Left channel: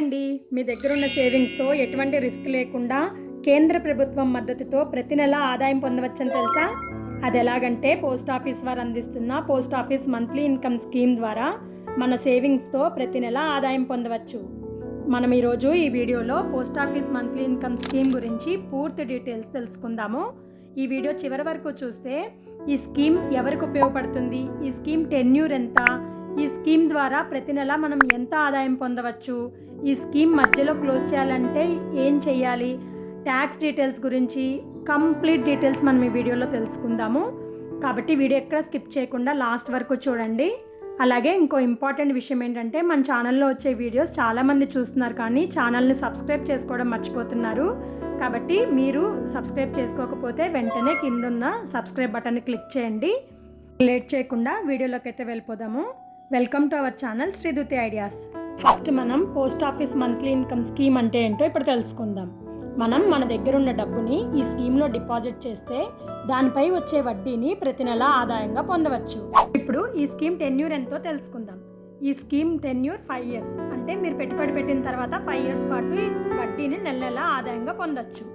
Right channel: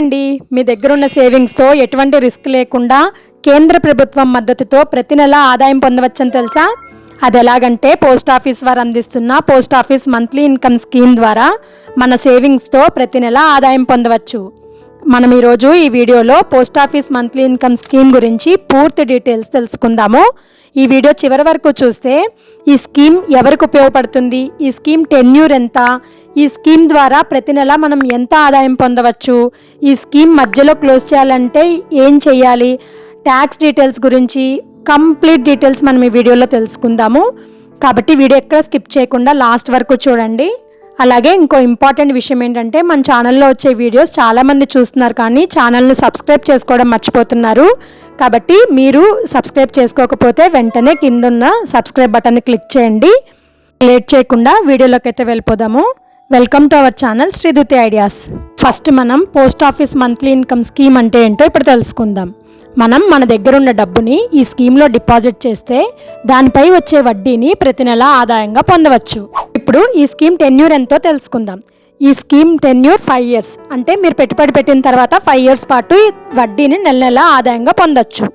అండి, మీ దగ్గర ఉన్న సేవింగ్స్తో ఎటువంటి రిస్క్ లేకుండా కేంద్ర ప్రభుత్వం మద్దతుతో ప్రతి నెల ఆదాయం పొందవచ్చని తెలుసా? అది ఎలాగంటే పోస్ట్ ఆఫీస్ వారు అందిస్తున్న post office monthly income scheme ద్వారా మన సేవింగ్స్తో ప్రతి నెల ఆదాయం పొందవచ్చు. మనం ఈరోజు ఈ వీడియోలో post office monthly income scheme గురించి పూర్తి డీటెయిల్స్ తెలుసుకుందాము. ఈ వీడియో చివరి వరకు చూస్తే ఈ స్కీమ్ ఎవరికి ఉపయోగపడుతుంది, ఈ స్కీమ్ టెన్యూర్ ఎంత, ఈ స్కీమ్ ద్వారా ప్రతి నెల మనం ఎంత ఆదాయం పొందవచ్చు, ఈ స్కీమ్ మధ్యలో క్లోజ్ చేయాలంటే ఏం చేయాలి, ట్యాక్స్ డీటెయిల్స్ గురించి కంప్లీట్ డీటెయిల్స్ మనం ఈ వీడియోలో తెలుసుకుందాము. కాబట్టి వీడియో ఎక్కడ స్కిప్ చేయకుండా లాస్ట్ వరకు చూడండి. అలాగే ఇంకో ఇంపార్టెంట్ విషయం ఏంటంటే మన ఛానల్లో వచ్చే వీడియోస్ చాలామంది చూస్తున్నారు కానీ ఛానల్ని సబ్స్క్రైబ్ చేసుకోవడం మర్చిపోతున్నారు. కాబట్టి మీరు సబ్స్క్రైబ్ చేసుకోకపోతే వెంటనే కిందున్న సబ్స్క్రైబ్ బటన్ని క్లిక్ చేయండి. లేట్ చేయకుండా వీడియోలోకి అయితే వెళ్ళిపోదాము. Welcome to our channel Sriduti ideas. First మనం post office monthly income scheme అంటే ఏంటో ఇప్పుడు తెలుసుకుందాం. మనం మన దగ్గర ఉన్న డబ్బుని ఈ స్కీమ్లో డిపాజిట్ చేస్తే దానిపై వచ్చే వడ్డీని ప్రతి నెల ఆదాయంగా పొందవచ్చు. ఇప్పుడు ఈ స్కీమ్ టెన్యూర్ ఎంతో తెలుసుకుందాం. ఈ స్కీమ్ టెన్యూర్ 5 years, అంటే మీరు పెట్టుబడి పెట్టిన తర్వాత 5 years పాటు వడ్డీని నెల నెల ఆదాయంగా పొందొచ్చు.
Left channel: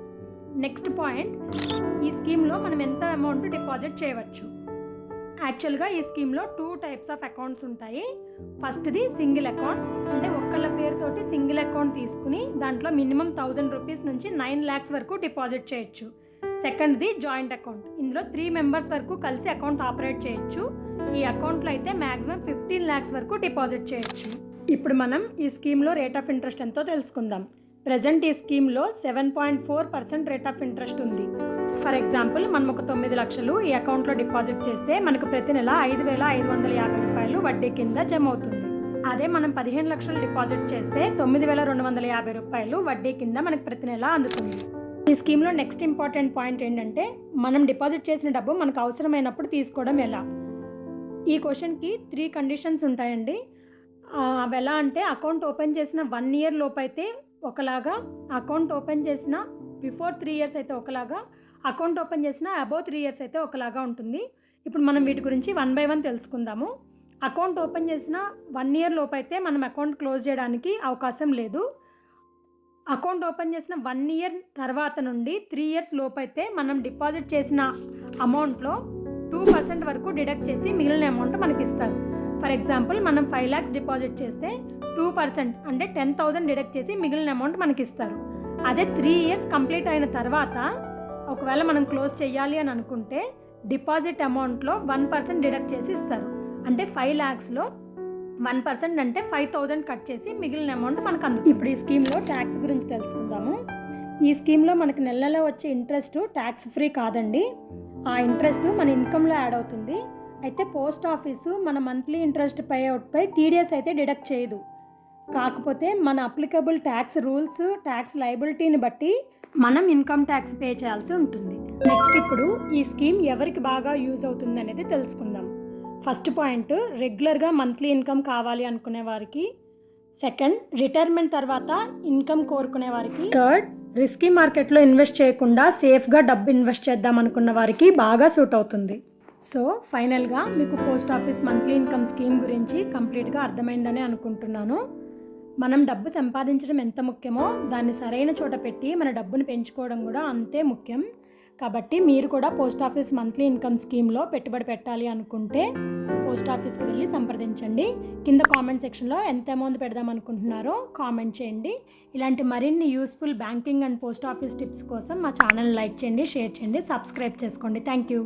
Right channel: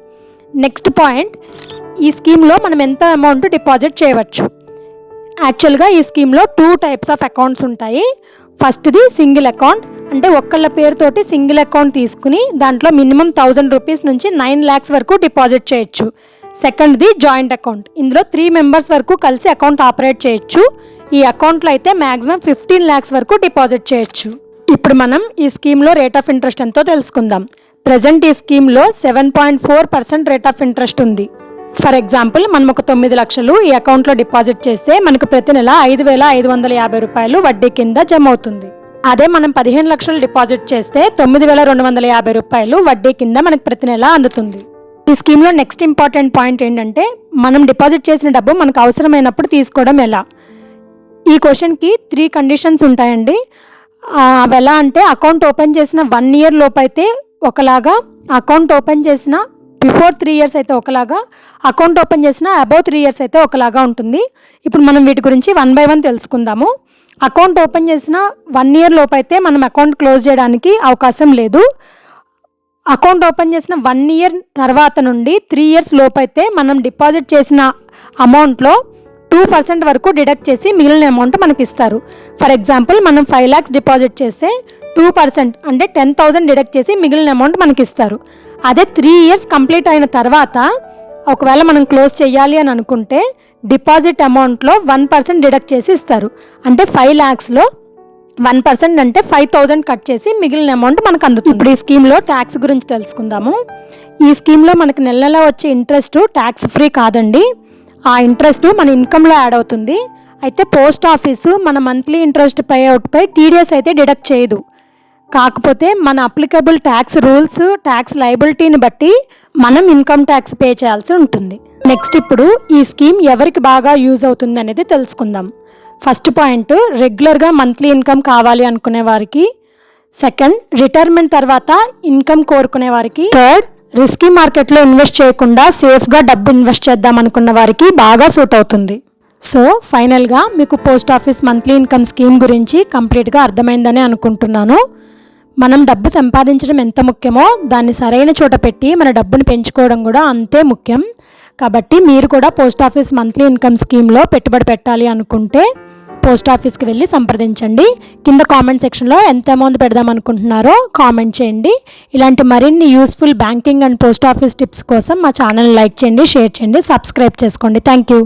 నెక్స్ట్ పాయింట్, ఈ స్కీమ్లో మనం ఎంత అమౌంట్ డిపాజిట్ చేయవచ్చు. యాక్చువల్గా ఈ స్కీమ్లో 2 types ఆఫ్ అకౌంట్స్ ఉంటాయి. ఫస్ట్ది సింగిల్ అకౌంట్, అంటే ఒక్కళ్ళ పేరుతోటి సింగిల్ అకౌంట్ తీసుకుని దాంట్లో మినిమం 1000 rupees నుంచి 9 lakhs వరకు డిపాజిట్ చేయొచ్చు. సెకండ్ది జాయింట్ అకౌంట్, ఇందులో 3 members వరకు కలిసి అకౌంట్ ఆపరేట్ చేయొచ్చు. ఈ అకౌంట్లో అయితే మ్యాక్సిమం 15 lakhs వరకు డిపాజిట్ చేయొచ్చు. ఇప్పుడు మనం ఈ స్కీమ్లో రేట్ ఆఫ్ ఇంట్రెస్ట్ ఎంతో తెలుసుకుందాం. ప్రజెంట్ ఈ స్కీమ్లో 7.4% రేట్ ఆఫ్ ఇంట్రెస్ట్ ఉంది. ఫర్ ఎగ్జాంపుల్, మనం ఒక 9 లక్షలు ఈ అకౌంట్లో డిపాజిట్ చేస్తే మనకు ప్రతి నెల 5,550 రూపాయలు వడ్డీ కింద జమ అవుతుంది. అదే మనం 15 లక్షలు డిపాజిట్ చేస్తే 9,250 రూపాయలు వడ్డీ కింద మనకు ప్రతి నెల అందుతుంది. ఈ స్కీమ్లో నెక్స్ట్ ఇంపార్టెంట్ పాయింట్ ఏంటంటే మనం డిపాజిట్ చేసిన డబ్బు మనకు అవసరమైనప్పుడు తీసుకోవడం ఎలా. ఈ క్వశ్చన్కి 3 conditions ఉంటాయండి. అవి ఎలా అంటే, అకౌంట్ ఓపెన్ చేసిన 1 year లోపు అయితే ఒకలాగా, అకౌంట్ ఓపెన్ చేసిన బిఫోర్ 3 years అయితే ఒకలాగా, అకౌంట్ ఓపెన్ చేసిన అబౌవ్ 3 years అయితే ఒకలాగా ఉంటుంది. ఇప్పుడు మనం వీటి గురించి 1 by 1 తెలుసుకుందాము. అకౌంట్ ఓపెన్ చేసిన 1 year లోపు అయితే మనం అకౌంట్ క్లోజ్ చేయడానికి అవకాశం లేదు. అకౌంట్ ఓపెన్ చేసిన 1 year తర్వాత నుండి 3 years లోపు అయితే మనం డిపాజిట్ చేసిన అమౌంట్లో 2% వరకు డిడక్ట్ చేసి మిగిలిన అమౌంట్ మనకి ఇస్తారు. ఫర్ ఎగ్జాంపుల్, మనం 5 lakhs డిపాజిట్ చేస్తే 2% అంటే 10,000 డిడక్ట్ చేసి మిగిలిన అమౌంట్ మనకి ఇస్తారు. అదే 3 years కంప్లీట్ అయిన తర్వాత ఒకవేళ మనం క్లోజ్ చేయాలి అని అనుకుంటే డిపాజిట్ అమౌంట్లో 1% డిడక్ట్ చేసి ఇస్తారు. అంటే 5 lakhsలో 1% అంటే 5,000 కట్ చేసి మిగిలిన అమౌంట్ మనకు అందుతుంది. ఇప్పుడు ఈ స్కీమ్లో ట్యాక్స్ గురించి తెలుసుకుందాము. ఈ స్కీమ్లో మనకి నెల నెల వచ్చే ఇంట్రెస్ట్ ట్యాక్స్ ఫ్రీ కాదండి. ఆ ఇంట్రెస్ట్ మన ఇన్కంలో యాడ్ అవుతుంది. అయితే పోస్ట్ ఆఫీసు మన మంత్లీ ఇంట్రెస్ట్ పే అవుట్పై టీడీఎస్ అయితే డిడక్ట్ చేయదు. కాకపోతే మన అప్లికబుల్ ట్యాక్స్ రూల్స్, ట్యాక్స్ లయబిలిటీని బట్టి మనం ఇన్కమ్ ట్యాక్స్ పే చేయాల్సి ఉంటుంది. నెక్స్ట్, ఇప్పుడు ఈ స్కీమ్ ఎవరికి బాగా యూజ్ అవుతుంది అనేది తెలుసుకుందాం. ఫస్ట్ పాయింట్, రెగ్యులర్గా మంత్లీ ఇన్కమ్ కావాలి అనుకునే వారికి. సెకండ్, రిటైర్మెంట్ తర్వాత ఇన్కమ్ కోరుకునే వారికి. థర్డ్, రిస్కీ మార్కెట్లో ఇన్వెస్ట్ చేయకుండా సేఫ్గా డబ్బు ఇన్వెస్ట్ చేద్దాం అనుకున్న వారికి బాగా సూట్ అవుతుంది. సో ఫైనల్గా మీకు post office monthly income scheme గురించి కంప్లీట్గా అర్థమైందని అనుకుంటున్నాను. మనం డబ్బు సంపాదించడం ఎంత ముఖ్యమో దాన్ని సరైన చోట పెట్టి మన డబ్బుని పెంచుకోవడం కూడా అంతే ముఖ్యం. కాబట్టి మీరు కూడా పోస్ట్ ఆఫీస్ మంత్లీ ఇన్కమ్ స్కీమ్లో పెట్టుబడి పెట్టాలి అనుకుంటే పోస్ట్ ఆఫీస్కి వెళ్ళి సంప్రదించండి. కింద కామెంట్ సెక్షన్లో ఎంత అమౌంట్ పెడదాం అనుకుంటున్నారో కామెంట్ చేయండి. ఇలాంటి మరిన్ని useful banking and post office tips కోసం మా ఛానల్ లైక్ చేయండి, షేర్ చేయండి, సబ్స్క్రైబ్ చేసుకోండి. Thank you.